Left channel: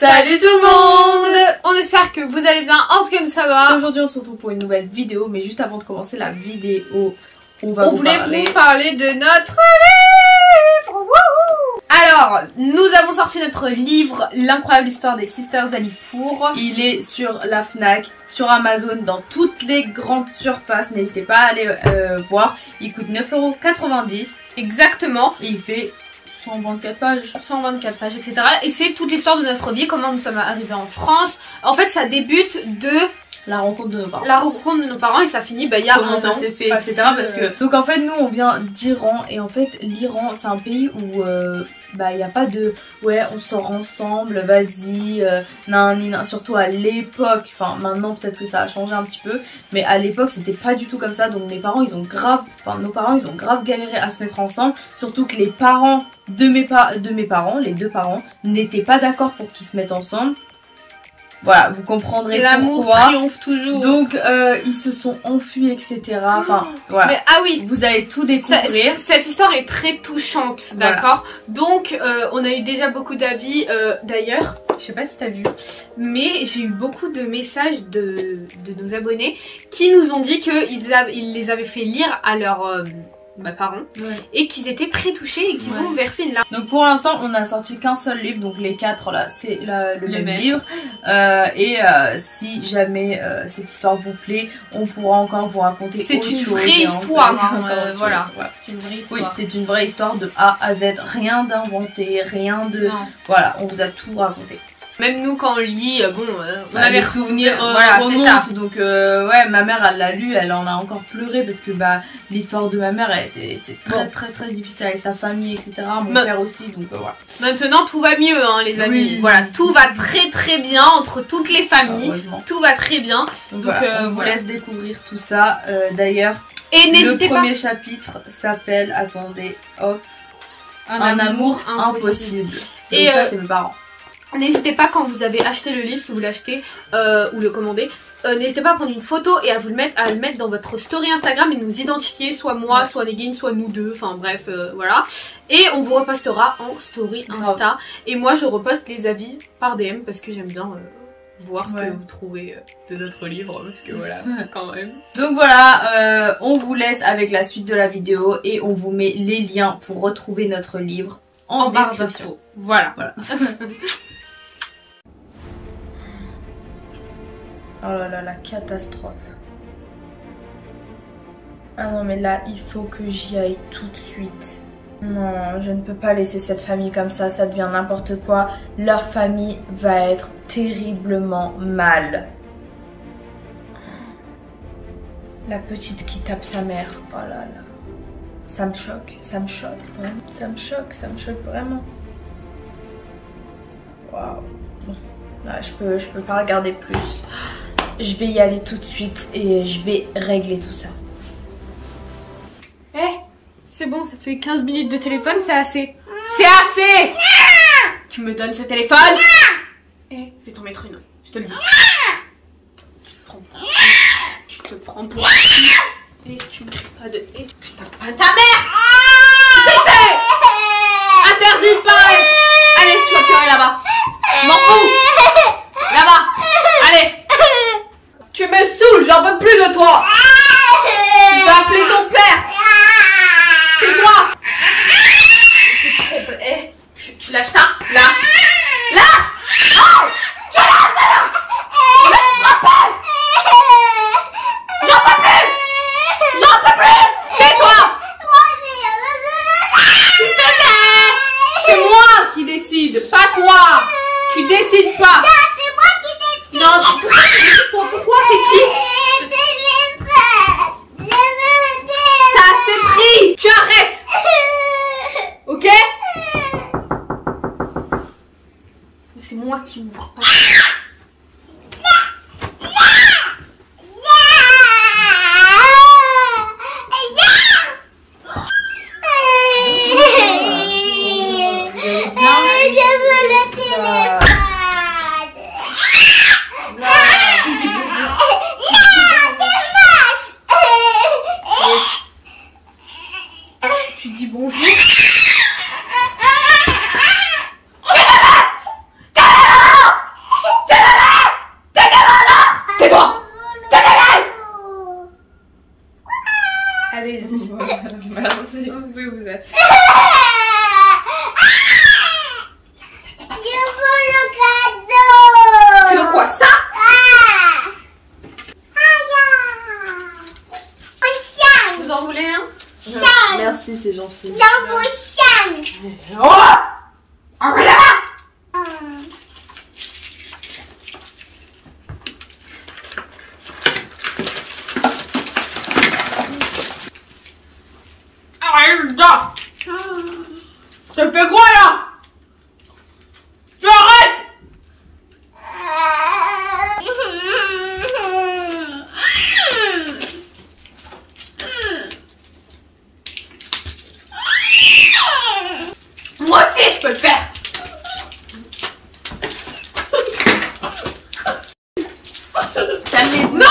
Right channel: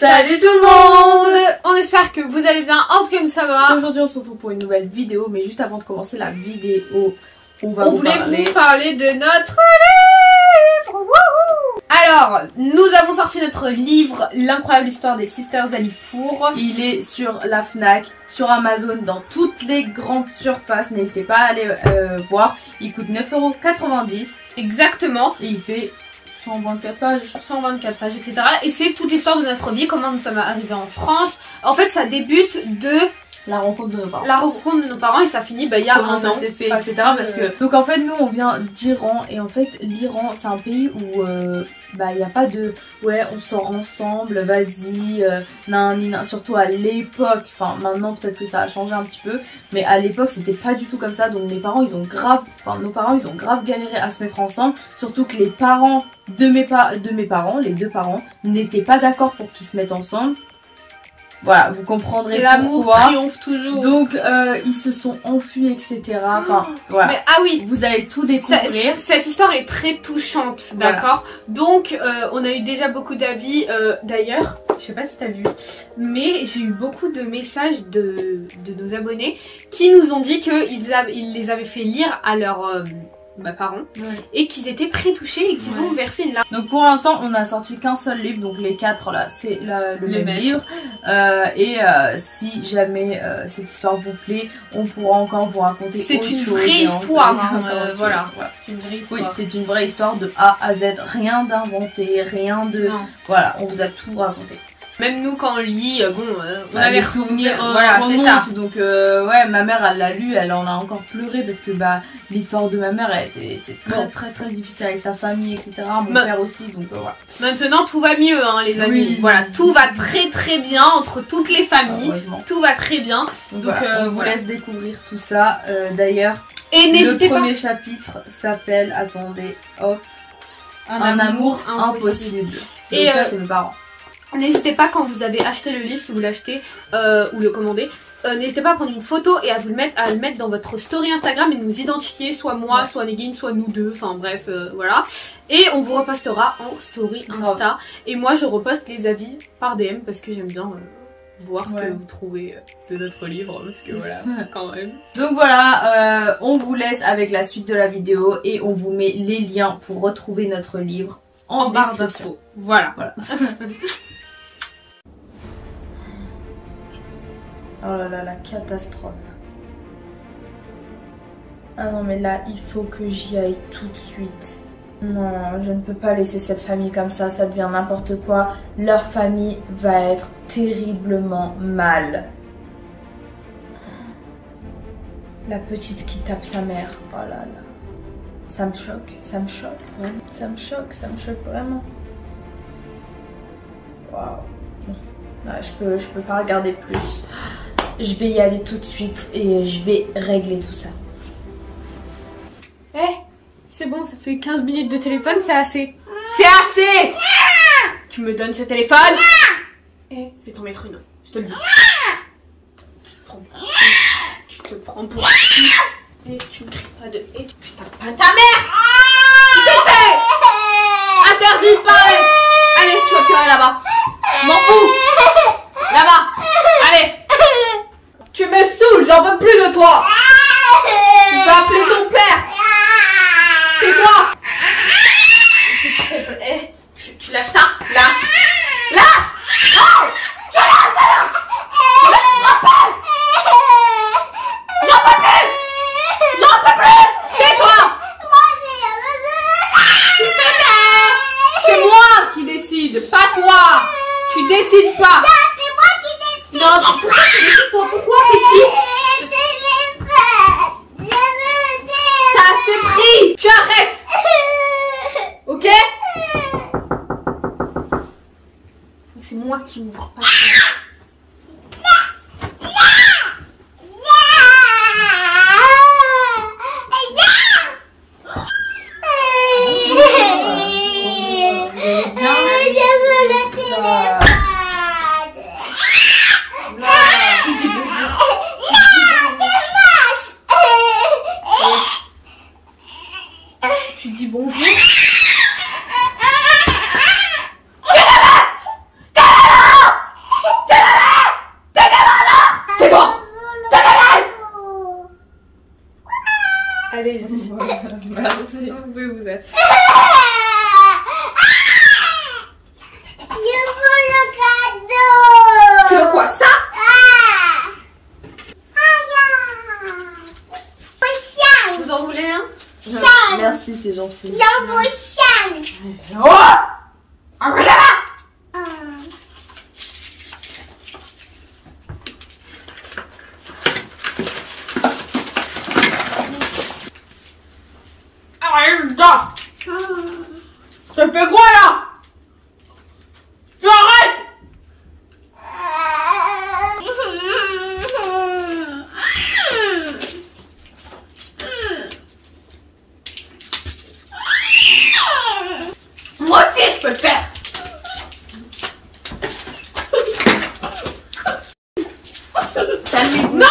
Salut tout le monde. On espère que vous allez bien, en tout cas ça va. Aujourd'hui on se retrouve pour une nouvelle vidéo, mais juste avant de commencer la vidéo, on voulait vous parler de notre livre. Wouhou. Alors, nous avons sorti notre livre, L'incroyable histoire des Sisters Alipour. Il est sur la Fnac, sur Amazon, dans toutes les grandes surfaces. N'hésitez pas à aller voir. Il coûte 9,90 €. Exactement. Et il fait 124 pages. 124 pages, etc. Et c'est toute l'histoire de notre vie, comment nous sommes arrivés en France. En fait, ça débute de la rencontre de nos parents. La rencontre de nos parents et ça finit il y a un an. Fait, etc. Parce que donc en fait nous on vient d'Iran et en fait l'Iran c'est un pays où il n'y a pas de ouais on sort ensemble, vas-y, surtout à l'époque. Enfin maintenant peut-être que ça a changé un petit peu, mais à l'époque c'était pas du tout comme ça. Donc nos parents ils ont grave galéré à se mettre ensemble. Surtout que les parents de mes parents, les deux parents, n'étaient pas d'accord pour qu'ils se mettent ensemble. Voilà, vous comprendrez l'amour triomphe toujours. Donc ils se sont enfuis, etc. Enfin voilà. Mais ah oui, vous allez tout découvrir. Cette histoire est très touchante, voilà. D'accord. Donc on a eu déjà beaucoup d'avis. D'ailleurs, je sais pas si t'as vu, mais j'ai eu beaucoup de messages de nos abonnés qui nous ont dit qu'ils les avaient fait lire à leurs parents, et qu'ils étaient très touchés et qu'ils ont versé une larme. Donc pour l'instant on a sorti qu'un seul livre, donc les quatre là c'est le même livre, si jamais cette histoire vous plaît on pourra encore vous raconter c'est une vraie histoire, voilà. C'est une vraie histoire. Oui, c'est une vraie histoire de A à Z, rien d'inventé, rien de... Non. Voilà, on vous a tout raconté. Même nous quand on lit, on avait souvenirs, voilà, c'est ça. Donc ouais, ma mère elle l'a lu, elle en a encore pleuré parce que l'histoire de ma mère c'est très difficile avec sa famille, etc. Mon père aussi, donc voilà. Maintenant tout va mieux hein les amis, oui. Voilà, tout va très bien entre toutes les familles, tout va très bien. Donc voilà, on vous laisse découvrir tout ça. D'ailleurs, le premier chapitre s'appelle, attendez, hop, un amour impossible. Et ça c'est mes parents. N'hésitez pas quand vous avez acheté le livre, si vous l'achetez ou le commandez, n'hésitez pas à prendre une photo et à le mettre dans votre story Instagram et nous identifier, soit moi, soit Negin, soit nous deux, enfin bref, voilà. Et on vous repostera en story Insta. Et moi je reposte les avis par DM parce que j'aime bien voir ce que vous trouvez de notre livre, parce que voilà, quand même. Donc voilà, on vous laisse avec la suite de la vidéo et on vous met les liens pour retrouver notre livre en barre d'infos. Voilà. Oh là là, la catastrophe. Ah non mais là, il faut que j'y aille tout de suite. Non, je ne peux pas laisser cette famille comme ça devient n'importe quoi. Leur famille va être terriblement mal. La petite qui tape sa mère, oh là là. Ça me choque vraiment. Ça me choque vraiment. Waouh. Bon, là, je peux pas regarder plus. Je vais y aller tout de suite et je vais régler tout ça. C'est bon, ça fait 15 minutes de téléphone, c'est assez. C'est assez. Tu me donnes ce téléphone. Je vais t'en mettre une, je te le dis. Tu te prends pour qui? Et tu me cries pas de... Et tu tapes pas ta mère. Tu te fais interdit de parler. Allez, tu vas pleurer là-bas. Je m'en fous. Là-bas. Allez. Tu me saoules, j'en peux plus de toi. Je vais appeler ton père. Tais-toi. Tu lâches ça. Là. Là. Oh. Tu lâches ça. J'en peux plus. J'en peux plus. Tais-toi. C'est moi qui décide, pas toi. Tu décides pas. C'est moi qui décide. Non, pourquoi tu décides toi? Pourquoi c'est qui? T'as assez pris. Tu arrêtes. Ok? C'est moi qui ouvre, pas toi. Tu dis bonjour. Merci. Vous pouvez vous asseoir. Je veux le cadeau. Tu veux quoi, ça? Vous en voulez un? Merci, c'est gentil. J'en veux Sam. Oh! Arrête là! Arrête là! Ça fait quoi là? Tu arrêtes! Moi aussi je peux le faire! Calmez-vous! Non!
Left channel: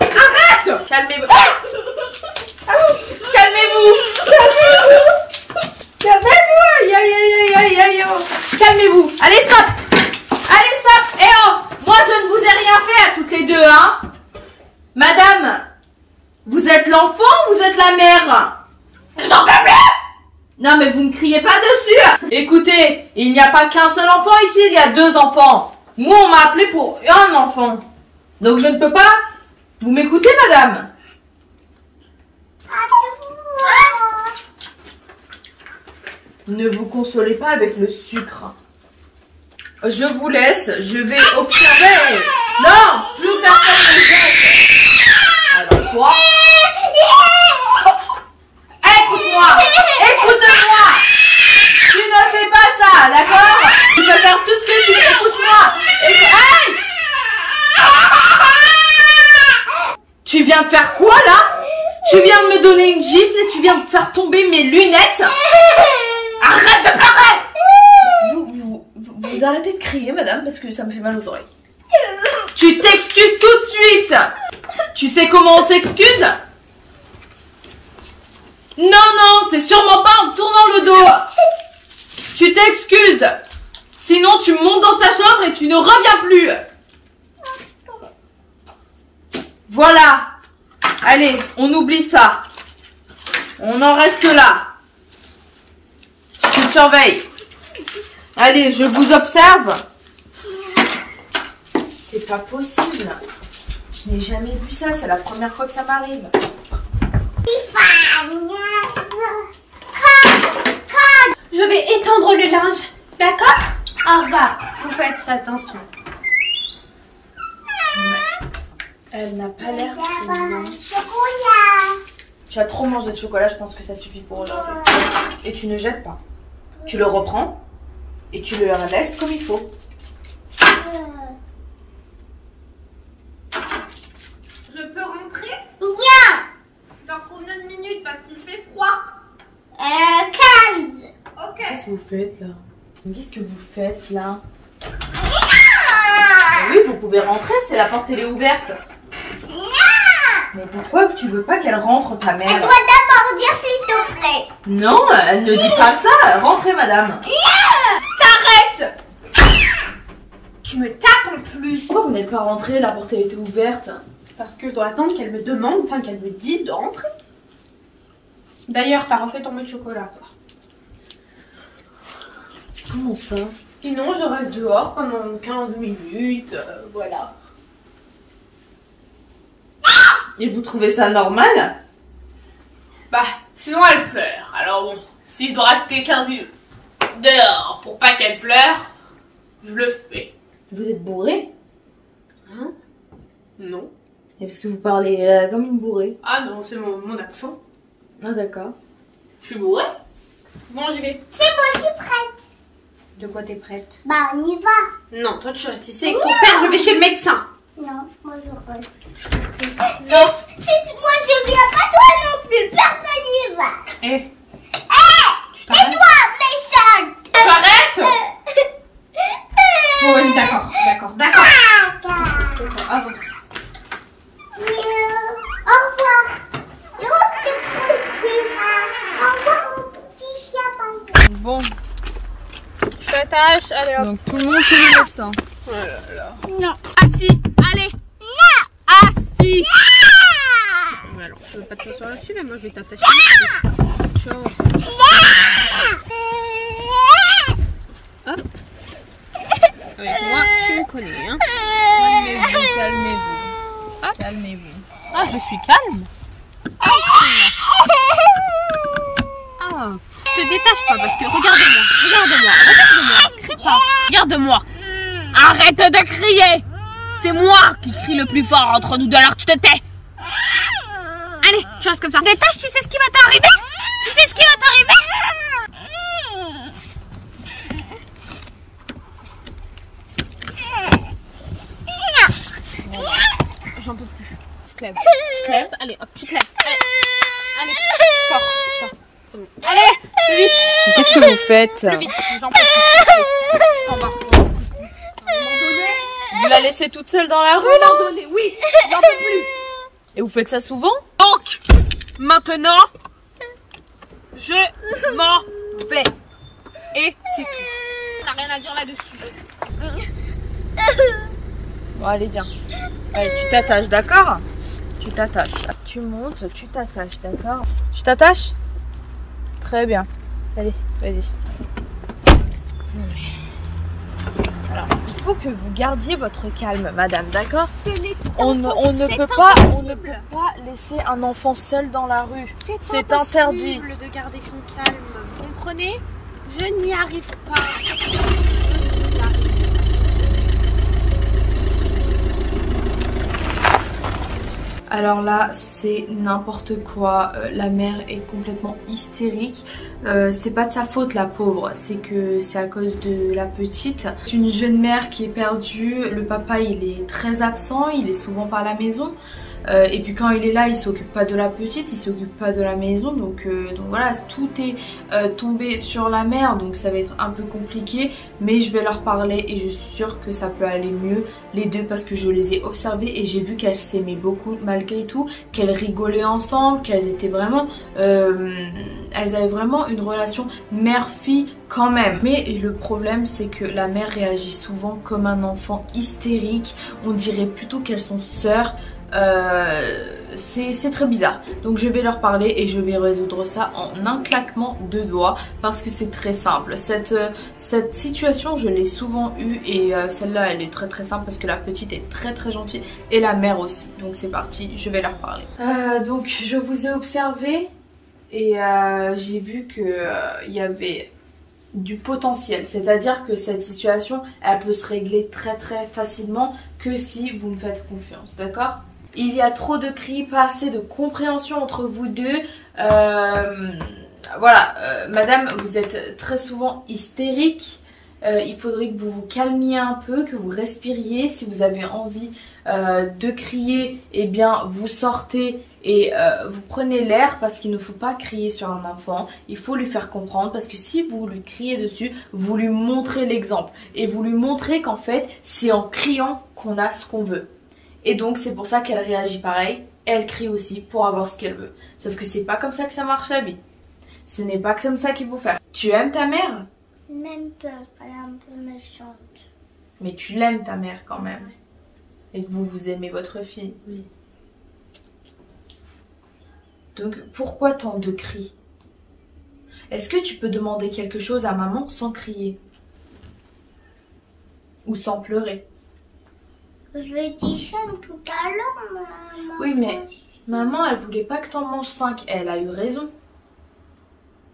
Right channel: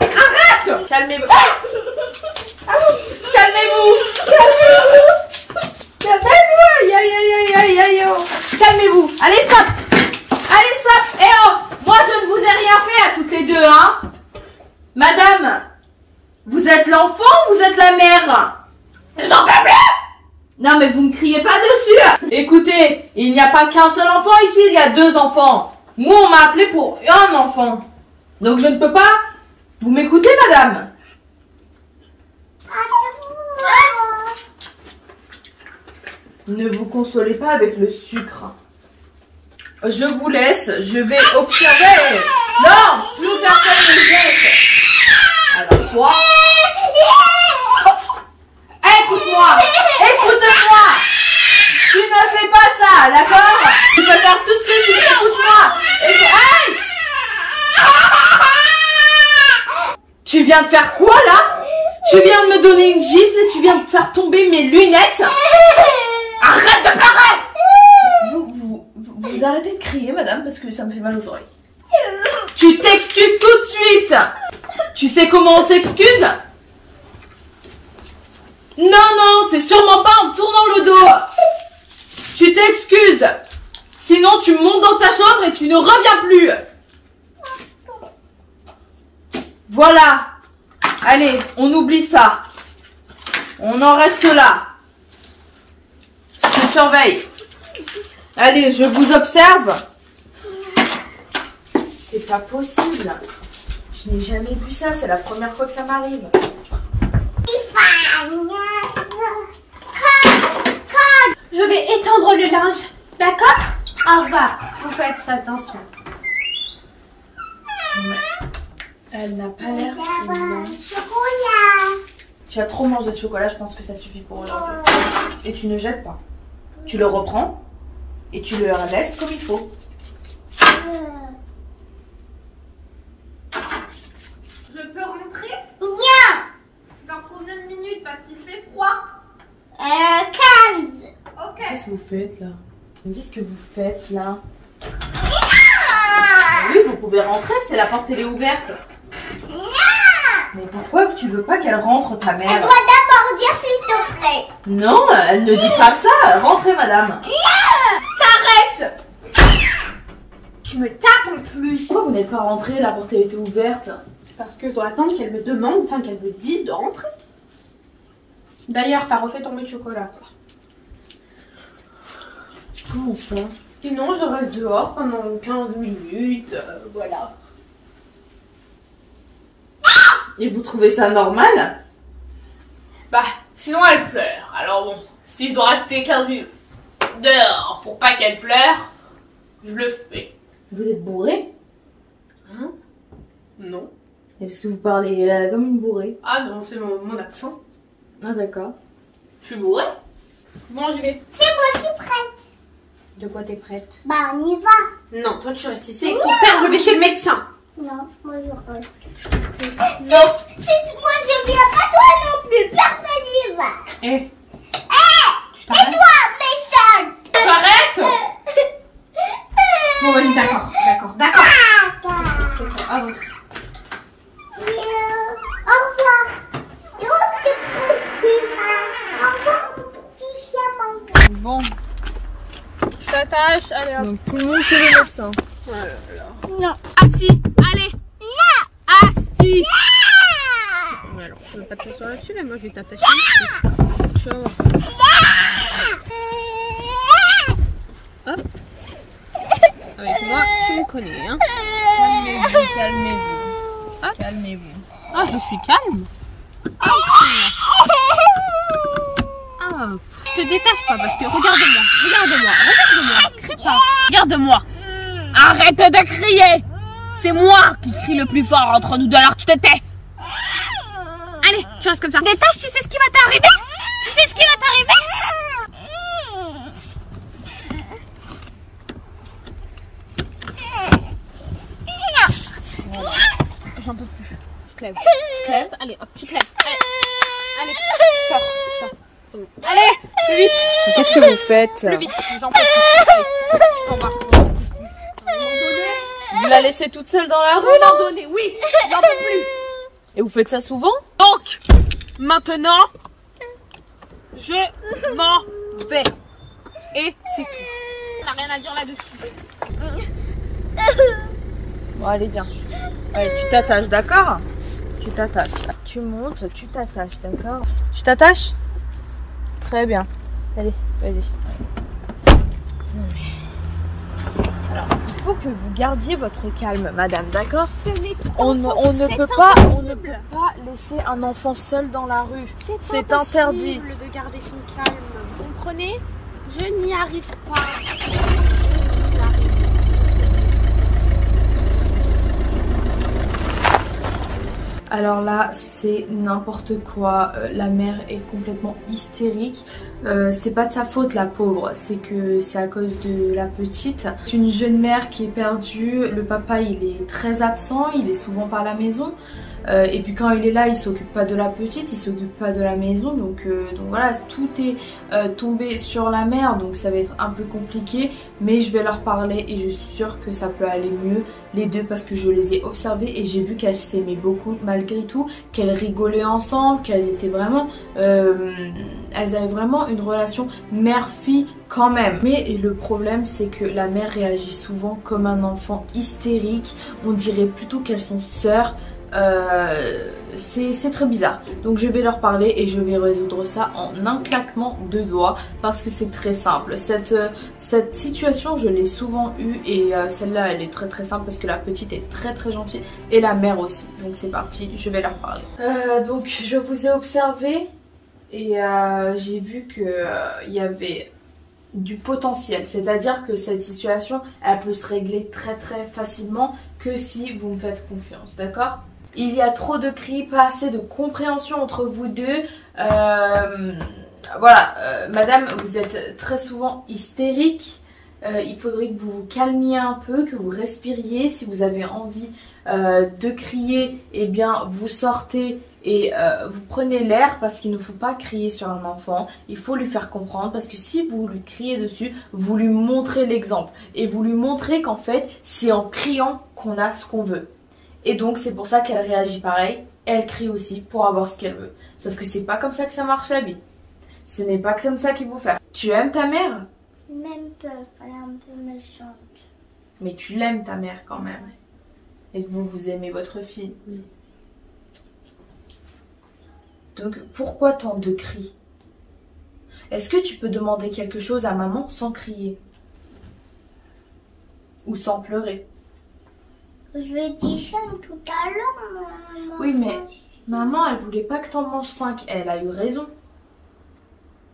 Arrête! Calmez-vous! Calmez-vous! Calmez-vous! Aïe aïe aïe aïe aïe aïe! Calmez-vous! Allez stop! Allez stop! Eh oh! Moi je ne vous ai rien fait à toutes les deux, hein! Madame! Vous êtes l'enfant ou vous êtes la mère? J'en peux plus! Non mais vous ne criez pas dessus. Écoutez, il n'y a pas qu'un seul enfant ici, il y a 2 enfants. Moi on m'a appelé pour un enfant. Donc je ne peux pas. Vous m'écoutez madame? Ne vous consolez pas avec le sucre. Je vous laisse, je vais observer. Non, plus personne ne jette. Alors toi... Écoute-moi! Écoute-moi! Tu ne fais pas ça, d'accord? Tu peux faire tout ce que tu veux, écoute-moi! Hey! Tu viens de faire quoi là? Tu viens de me donner une gifle et tu viens de faire tomber mes lunettes? Arrête de pleurer! Vous arrêtez de crier, madame, parce que ça me fait mal aux oreilles. Tu t'excuses tout de suite! Tu sais comment on s'excuse? Non, non, c'est sûrement pas en tournant le dos. Tu t'excuses. Sinon, tu montes dans ta chambre et tu ne reviens plus. Voilà. Allez, on oublie ça. On en reste là. Je te surveille. Allez, je vous observe. C'est pas possible. Je n'ai jamais vu ça, c'est la première fois que ça m'arrive. Je vais étendre le linge, d'accord? Au revoir. Vous faites attention. Elle n'a pas l'air très bien. Chocolat. Tu as trop mangé de chocolat, je pense que ça suffit pour aujourd'hui. Et tu ne jettes pas. Tu le reprends et tu le laisses comme il faut. Je peux rentrer? Viens. Dans combien de minutes parce qu'il fait froid? 15. Ok. Qu'est-ce que vous faites là? Qu'est-ce que vous faites là? Ah. Oui, vous pouvez rentrer, c'est la porte elle est ouverte. Mais pourquoi tu veux pas qu'elle rentre ta Elle mère? doit d'abord dire s'il te plaît. Non, elle ne dit pas ça. Rentrez madame. T'arrêtes! Tu me tapes en plus. Pourquoi vous n'êtes pas rentrée? La porte elle était ouverte. Parce que je dois attendre qu'elle me demande, enfin qu'elle me dise de rentrer. D'ailleurs, t'as refait tomber le chocolat, toi. Comment ça? Sinon, je reste dehors pendant 15 minutes, voilà. Et vous trouvez ça normal? Bah, sinon elle pleure. Alors bon, si je dois rester 15 minutes dehors pour pas qu'elle pleure, je le fais. Vous êtes bourré? Hein? Non. Et parce que vous parlez comme une bourrée. Ah non, c'est mon accent. Ah d'accord. Je suis bourrée. Bon, j'y vais. C'est bon, je suis prête. De quoi t'es prête? Bah, on y va. Non, toi tu restes ici avec ton père, je vais chez le médecin. Non, moi je reste. Non. Si moi je viens pas, toi non plus. Personne n'y va. Eh, Et toi, méchante. tu arrêtes? Bon, vas-y, d'accord. Avance. Au revoir. Et on te couche. Au revoir, mon petit chien. Bon. Tu t'attaches, allez hop. Donc tout le monde chez le médecin. Non. Assis, allez. Non. Assis. Non. Ouais, alors, je veux pas te t'asseoir là-dessus, là, moi je vais t'attacher. Hop. Avec moi, tu me connais, hein. Calmez-vous, calmez-vous. Calmez-vous. Ah, je suis calme. Ah, je te détache pas parce que regarde-moi. Crie pas. Regarde-moi. Arrête de crier. C'est moi qui crie le plus fort entre nous deux, alors tu te tais. Allez, tu restes comme ça. Détache, tu sais ce qui va t'arriver? J'en peux plus. Je te lève. Allez, hop, tu te lèves. Allez, sors. Allez, plus vite. Qu'est-ce que vous faites? Plus vite, j'en peux plus. Allez, en bas. Vous la laissez toute seule dans la rue là? Oui, j'en peux plus. Et vous faites ça souvent? Donc, maintenant, je m'en vais. Et c'est tout. On n'a rien à dire là-dessus. Bon, allez, bien. Allez, tu t'attaches, d'accord? Tu t'attaches. Tu montes, tu t'attaches, d'accord? Tu t'attaches? Très bien. Allez, vas-y. Alors, il faut que vous gardiez votre calme, madame, d'accord? On ne peut pas laisser un enfant seul dans la rue. C'est interdit. De garder son calme, vous comprenez? Je n'y arrive pas. Alors là, c'est n'importe quoi. La mère est complètement hystérique. C'est pas de sa faute, la pauvre. C'est que c'est à cause de la petite. C'est une jeune mère qui est perdue. Le papa, il est très absent. Il est souvent pas à la maison. Et puis quand il est là, il s'occupe pas de la petite, il s'occupe pas de la maison, donc voilà, tout est tombé sur la mère, donc ça va être un peu compliqué, mais je vais leur parler et je suis sûre que ça peut aller mieux les deux parce que je les ai observées et j'ai vu qu'elles s'aimaient beaucoup malgré tout, qu'elles rigolaient ensemble, qu'elles étaient vraiment, elles avaient vraiment une relation mère-fille quand même. Mais le problème c'est que la mère réagit souvent comme un enfant hystérique, on dirait plutôt qu'elles sont sœurs. C'est très bizarre, donc je vais leur parler et je vais résoudre ça en un claquement de doigts parce que c'est très simple. Cette situation je l'ai souvent eue et celle-là elle est très simple parce que la petite est très gentille et la mère aussi. Donc c'est parti, je vais leur parler. Donc je vous ai observé et j'ai vu que il y avait du potentiel, c'est-à-dire que cette situation elle peut se régler très facilement que si vous me faites confiance, d'accord? Il y a trop de cris, pas assez de compréhension entre vous deux. Voilà, madame, vous êtes très souvent hystérique. Il faudrait que vous vous calmiez un peu, que vous respiriez. Si vous avez envie de crier, eh bien vous sortez et vous prenez l'air parce qu'il ne faut pas crier sur un enfant. Il faut lui faire comprendre parce que si vous lui criez dessus, vous lui montrez l'exemple. Et vous lui montrez qu'en fait, c'est en criant qu'on a ce qu'on veut. Et donc c'est pour ça qu'elle réagit pareil, elle crie aussi pour avoir ce qu'elle veut. Sauf que c'est pas comme ça que ça marche la vie. Ce n'est pas comme ça qu'il faut faire. Tu aimes ta mère? Même peu, elle est un peu méchante. Mais tu l'aimes ta mère quand même. Et vous aimez votre fille. Oui. Donc pourquoi tant de cris? Est-ce que tu peux demander quelque chose à maman sans crier? Ou sans pleurer? Je lui ai dit ça tout à l'heure. Oui, mais maman, elle voulait pas que t'en manges 5. Elle a eu raison.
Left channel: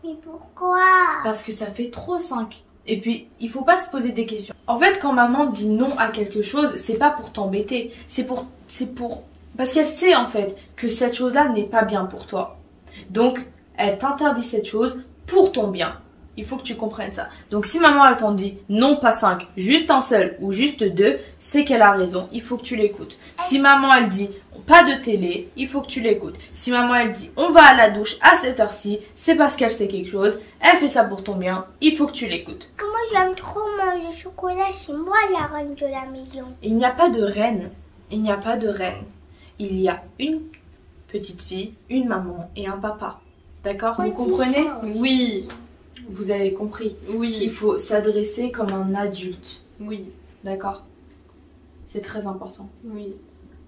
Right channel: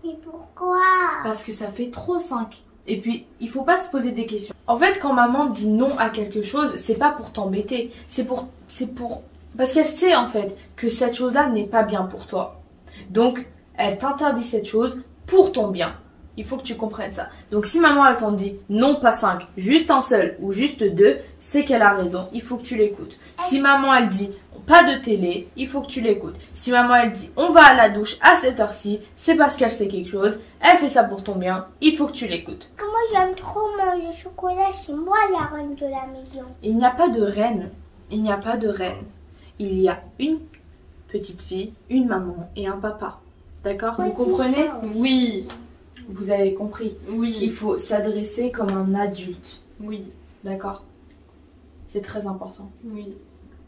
Mais pourquoi? Parce que ça fait trop 5. Et puis, il faut pas se poser des questions. En fait, quand maman dit non à quelque chose, c'est pas pour t'embêter. C'est pour... Parce qu'elle sait, en fait, que cette chose-là n'est pas bien pour toi. Donc, elle t'interdit cette chose pour ton bien. Il faut que tu comprennes ça. Donc si maman elle t'en dit non pas 5, juste un seul ou juste 2, c'est qu'elle a raison. Il faut que tu l'écoutes. Si maman elle dit pas de télé, il faut que tu l'écoutes. Si maman elle dit on va à la douche à cette heure-ci, c'est parce qu'elle sait quelque chose. Elle fait ça pour ton bien. Il faut que tu l'écoutes. Moi j'aime trop manger chocolat. C'est moi la reine de la maison. Il n'y a pas de reine. Il n'y a pas de reine. Il y a une petite fille, une maman et un papa. D'accord? Vous comprenez? Oui. Vous avez compris, oui, qu'il faut s'adresser comme un adulte. Oui. D'accord? C'est très important. Oui.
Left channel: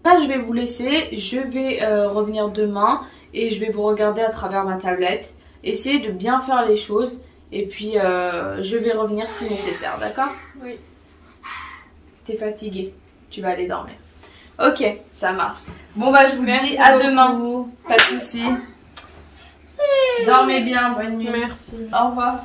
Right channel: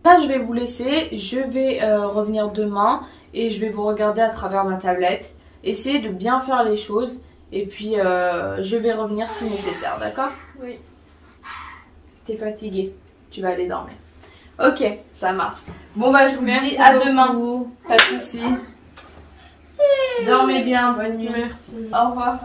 Là je vais vous laisser, je vais revenir demain et je vais vous regarder à travers ma tablette. Essayez de bien faire les choses et puis je vais revenir si nécessaire, d'accord? Oui. T'es fatiguée, tu vas aller dormir. Ok, ça marche. Bon bah je vous dis Merci à demain. beaucoup. Pas de soucis. Dormez bien, bonne nuit. Merci. Au revoir.